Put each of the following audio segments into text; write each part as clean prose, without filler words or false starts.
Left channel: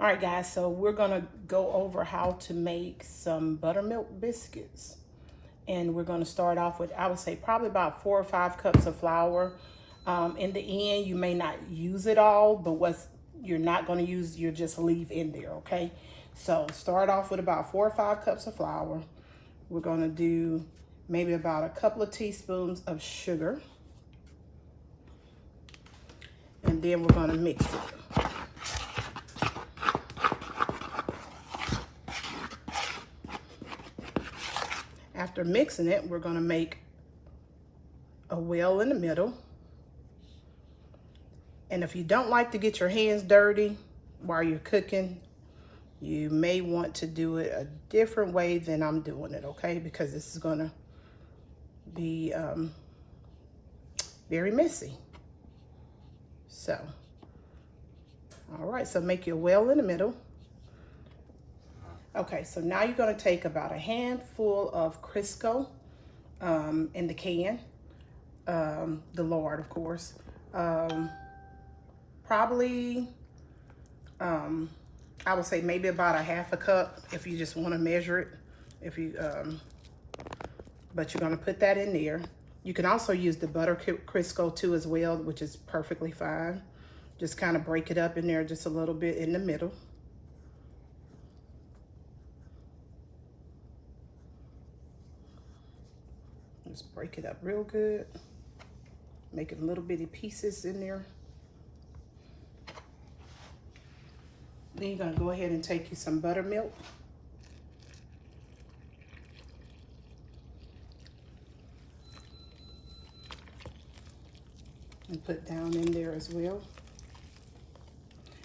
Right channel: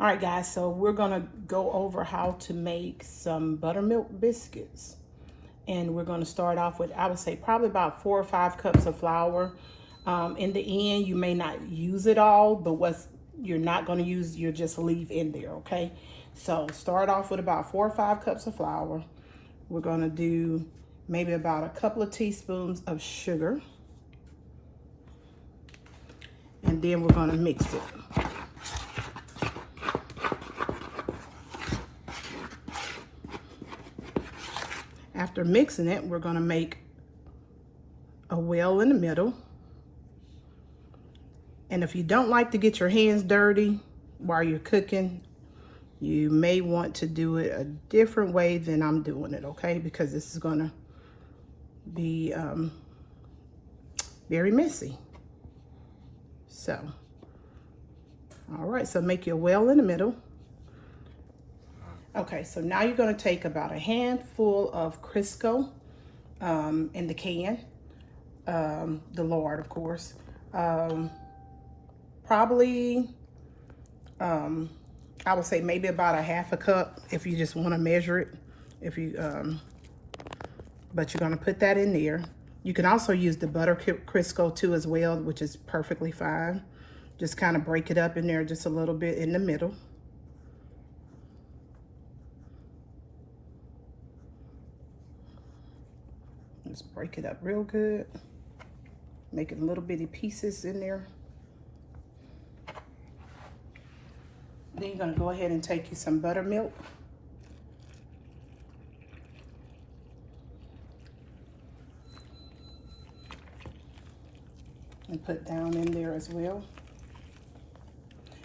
All right, guys, so we're gonna go over how to make some buttermilk biscuits. And we're gonna start off with, I would say probably about 4 or 5 cups of flour. In the end, you may not use it all, but what's you're not gonna use, you'll just leave in there, okay? So start off with about 4 or 5 cups of flour. We're gonna do maybe about a couple of teaspoons of sugar. And then we're gonna mix it. After mixing it, we're gonna make a well in the middle. And if you don't like to get your hands dirty while you're cooking, you may want to do it a different way than I'm doing it, okay? Because this is gonna be very messy. So, all right, so make your well in the middle. Okay, so now you're gonna take about a handful of Crisco in the can, the lard, of course. Probably, I would say maybe about a half a cup if you just wanna measure it. If you, but you're gonna put that in there. You can also use the butter Crisco too as well, which is perfectly fine. Just kind of break it up in there just a little bit in the middle. Just break it up real good. Make it little bitty pieces in there. Then you're gonna go ahead and take you some buttermilk. And put down in there as well.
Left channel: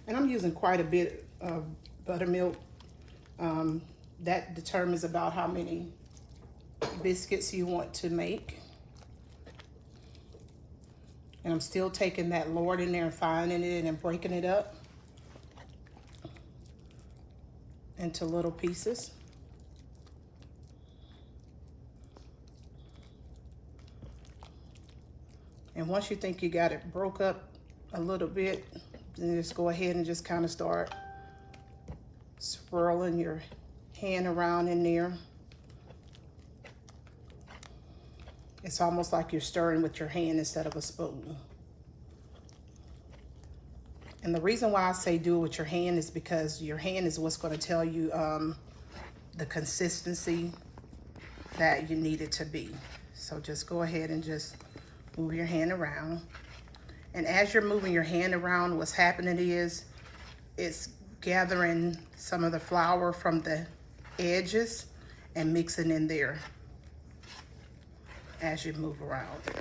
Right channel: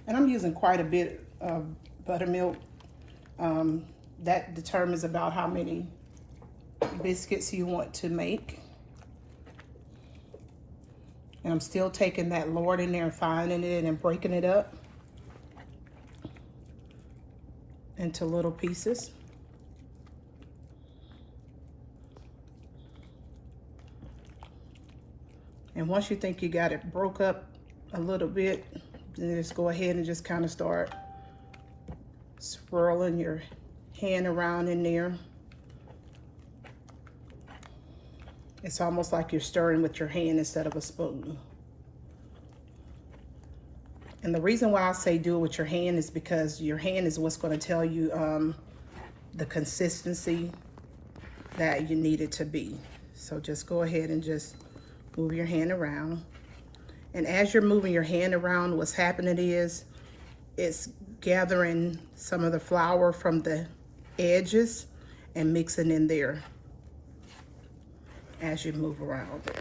And I'm using quite a bit of buttermilk. That determines about how many biscuits you want to make. And I'm still taking that lard in there and finding it and breaking it up into little pieces. And once you think you got it broke up a little bit, then just go ahead and just kind of start swirling your hand around in there. It's almost like you're stirring with your hand instead of a spoon. And the reason why I say do it with your hand is because your hand is what's going to tell you the consistency that you need it to be. So just go ahead and just move your hand around. And as you're moving your hand around, what's happening is it's gathering some of the flour from the edges and mixing in there as you move around there.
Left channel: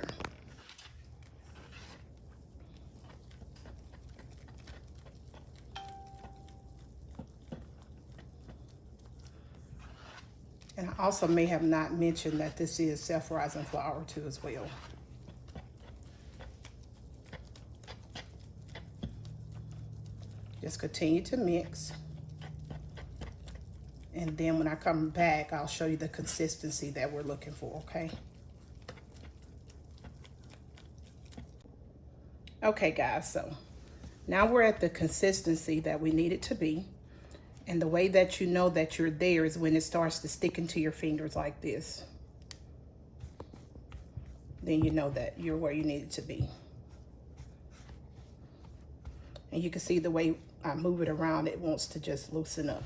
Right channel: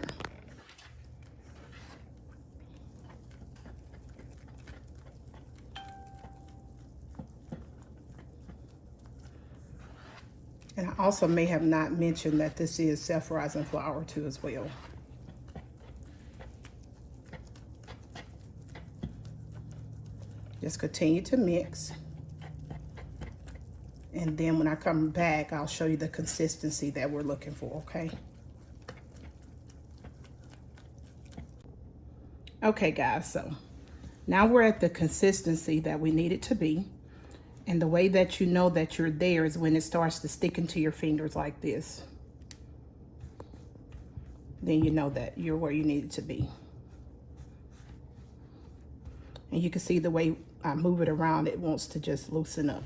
And I also may have not mentioned that this is self-rising flour too as well. Just continue to mix. And then when I come back, I'll show you the consistency that we're looking for, okay? Okay, guys, so now we're at the consistency that we need it to be. And the way that you know that you're there is when it starts to stick into your fingers like this. Then you know that you're where you need it to be. And you can see the way I move it around, it wants to just loosen up.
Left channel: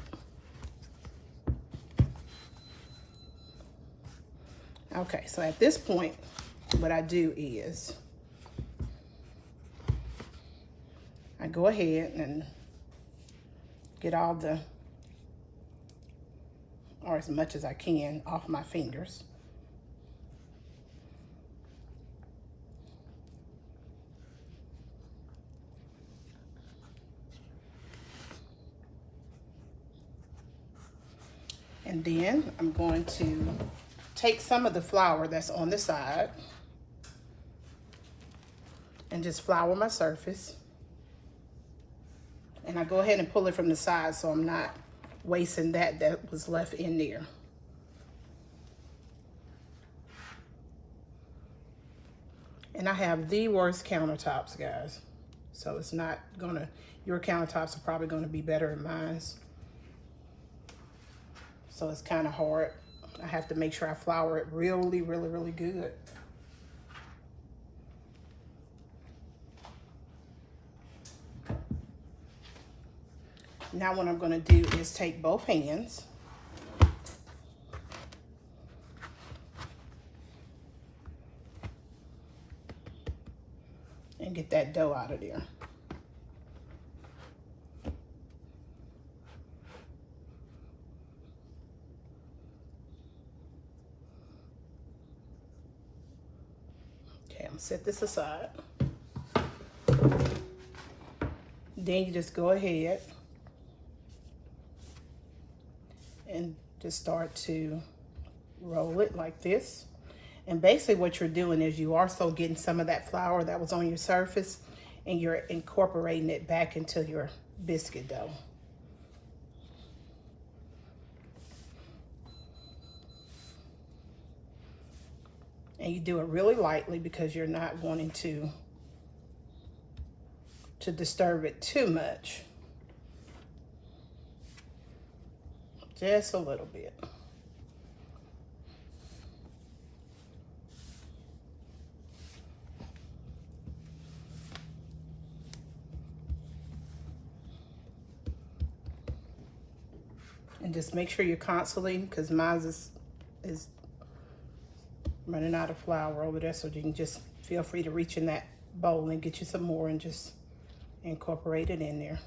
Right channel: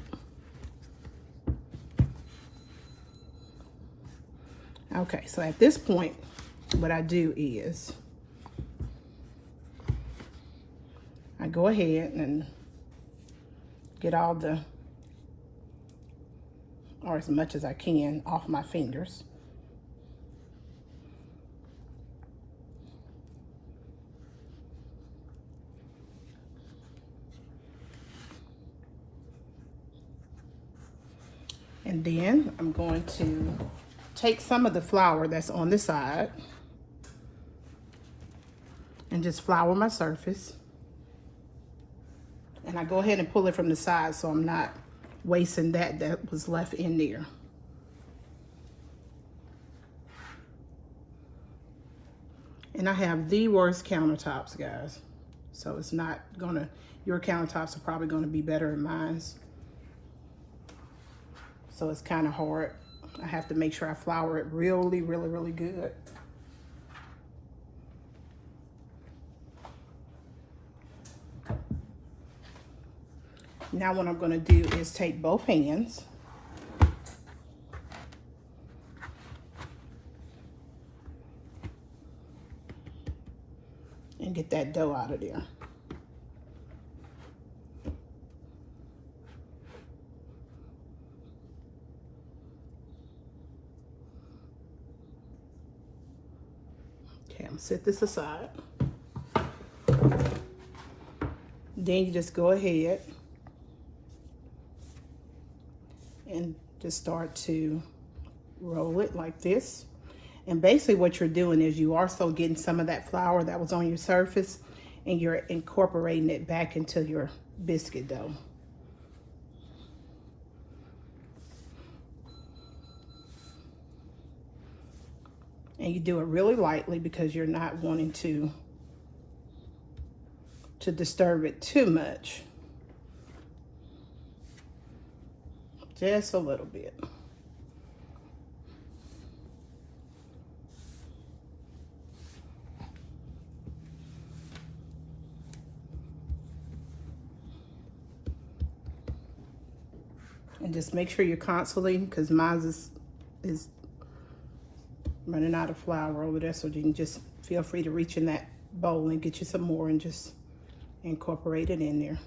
Okay, so at this point, what I do is I go ahead and get all the, or as much as I can, off my fingers. And then I'm going to take some of the flour that's on the side and just flour my surface. And I go ahead and pull it from the side so I'm not wasting that was left in there. And I have the worst countertops, guys. So it's not gonna, your countertops are probably gonna be better than mine's. So it's kind of hard. I have to make sure I flour it really, really, really good. Now what I'm gonna do is take both hands and get that dough out of there. Okay, I'm gonna set this aside. Then you just go ahead and just start to roll it like this. And basically what you're doing is you are also getting some of that flour that was on your surface and you're incorporating it back into your biscuit dough. And you do it really lightly because you're not wanting to disturb it too much. Just a little bit. And just make sure you're constantly, because mine is running out of flour over there, so you can just feel free to reach in that bowl and get you some more and just incorporate it in there.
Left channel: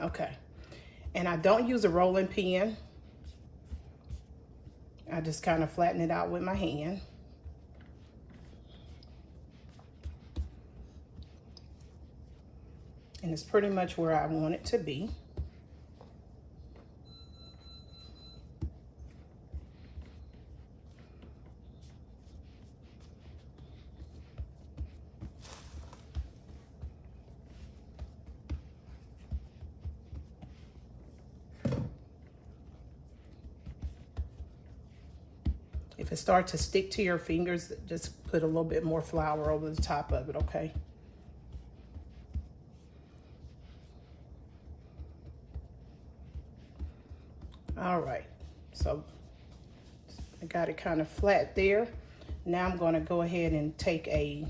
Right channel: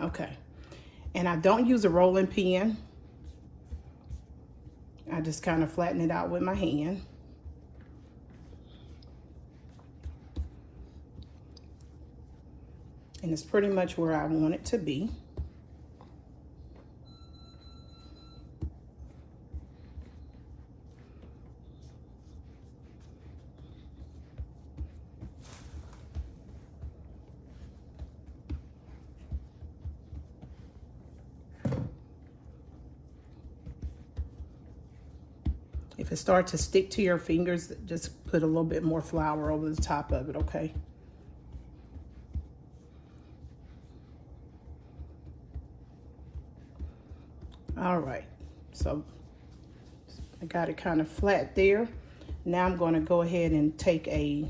Okay, and I don't use a rolling pin. I just kind of flatten it out with my hand. And it's pretty much where I want it to be. If it starts to stick to your fingers, just put a little bit more flour over the top of it, okay? All right, so I got it kind of flat there. Now I'm gonna go ahead and take a,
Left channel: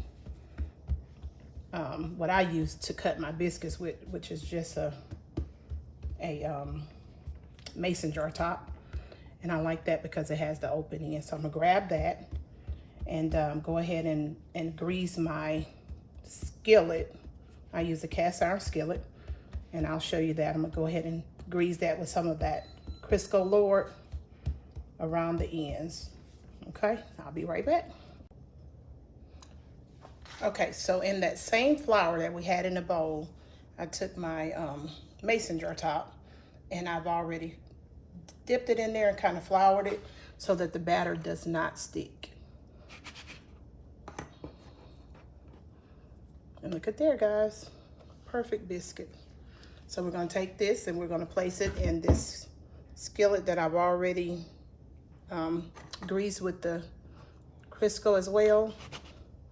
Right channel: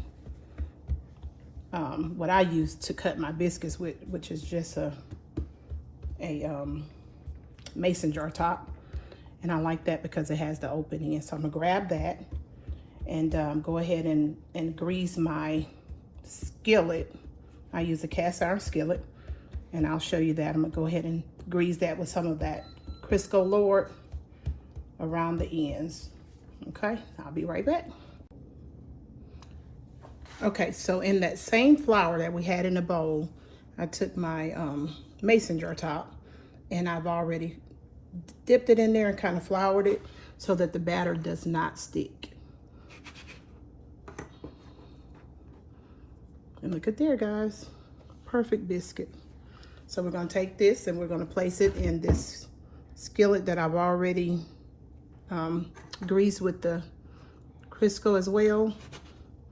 what I use to cut my biscuits with, which is just a mason jar top. And I like that because it has the opening. So I'm gonna grab that and go ahead and grease my skillet. I use a cast iron skillet, and I'll show you that. I'm gonna go ahead and grease that with some of that Crisco lard around the ends. Okay, I'll be right back. Okay, so in that same flour that we had in the bowl, I took my mason jar top, and I've already dipped it in there and kind of floured it so that the batter does not stick. And look at there, guys, perfect biscuit. So we're gonna take this and we're gonna place it in this skillet that I've already greased with the Crisco as well.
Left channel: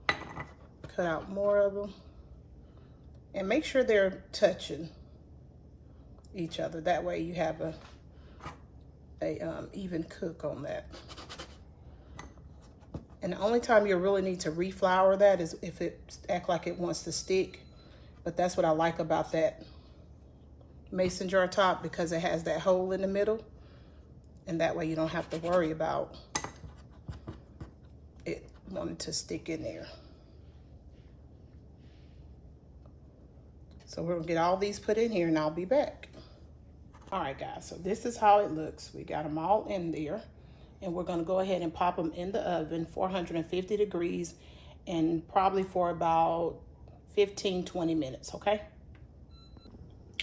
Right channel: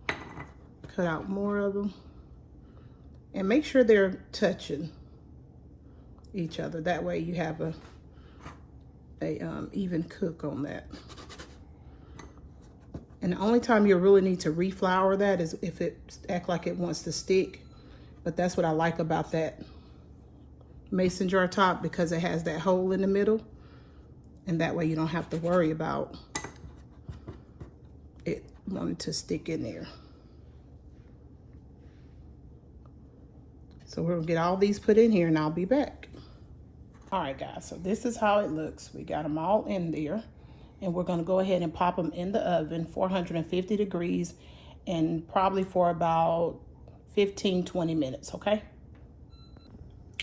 Cut out more of them and make sure they're touching each other. That way you have a even cook on that. And the only time you really need to reflour that is if it acts like it wants to stick. But that's what I like about that mason jar top, because it has that hole in the middle, and that way you don't have to worry about it wanting to stick in there. So we're gonna get all these put in here and I'll be back. All right, guys, so this is how it looks. We got them all in there, and we're gonna go ahead and pop them in the oven, 450 degrees, and probably for about 15-20 minutes, okay?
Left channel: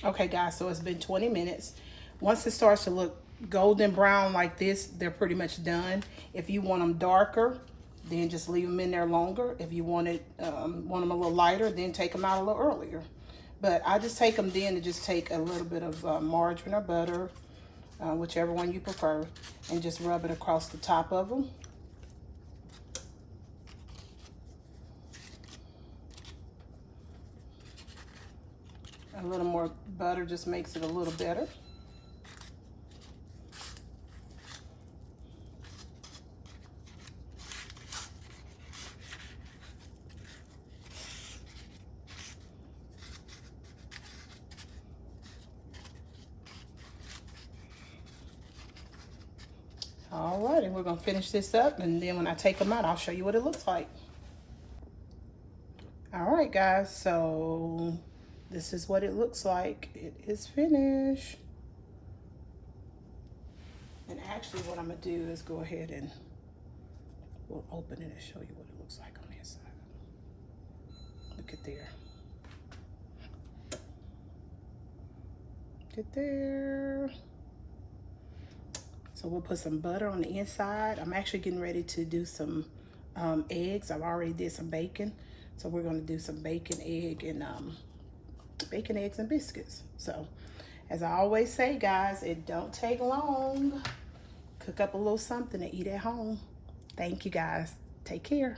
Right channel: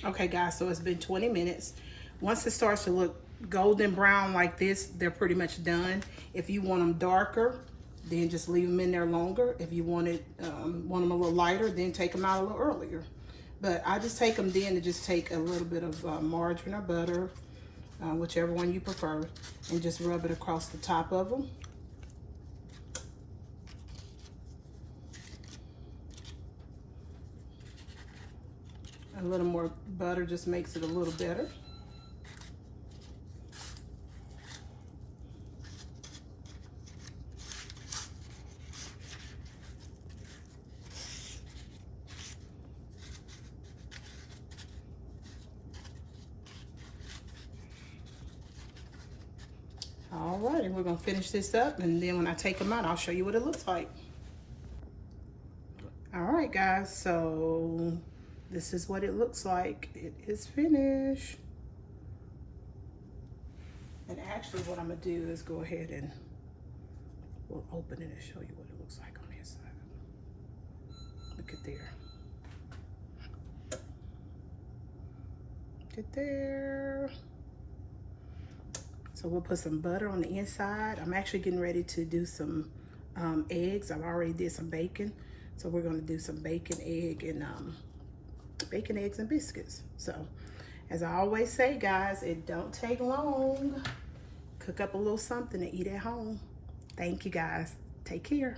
Okay, guys, so it's been 20 minutes. Once it starts to look golden brown like this, they're pretty much done. If you want them darker, then just leave them in there longer. If you want them a little lighter, then take them out a little earlier. But I just take them then to just take a little bit of margarine or butter, whichever one you prefer, and just rub it across the top of them. A little more butter just makes it a little better. Alrighty, we're gonna finish this up, and then when I take them out, I'll show you what it looks like. Alright guys, so this is what it looks like. It is finished. And actually what I'm gonna do is go ahead and we'll open it and show you what it looks like on the inside. Look at there. Look at there. So we'll put some butter on the inside. I'm actually getting ready to do some eggs. I've already did some bacon. So we're gonna do some bacon, eggs, and biscuits. So as I always say, guys, it don't take long. Cook up a little something to eat at home. Thank you guys. Take care.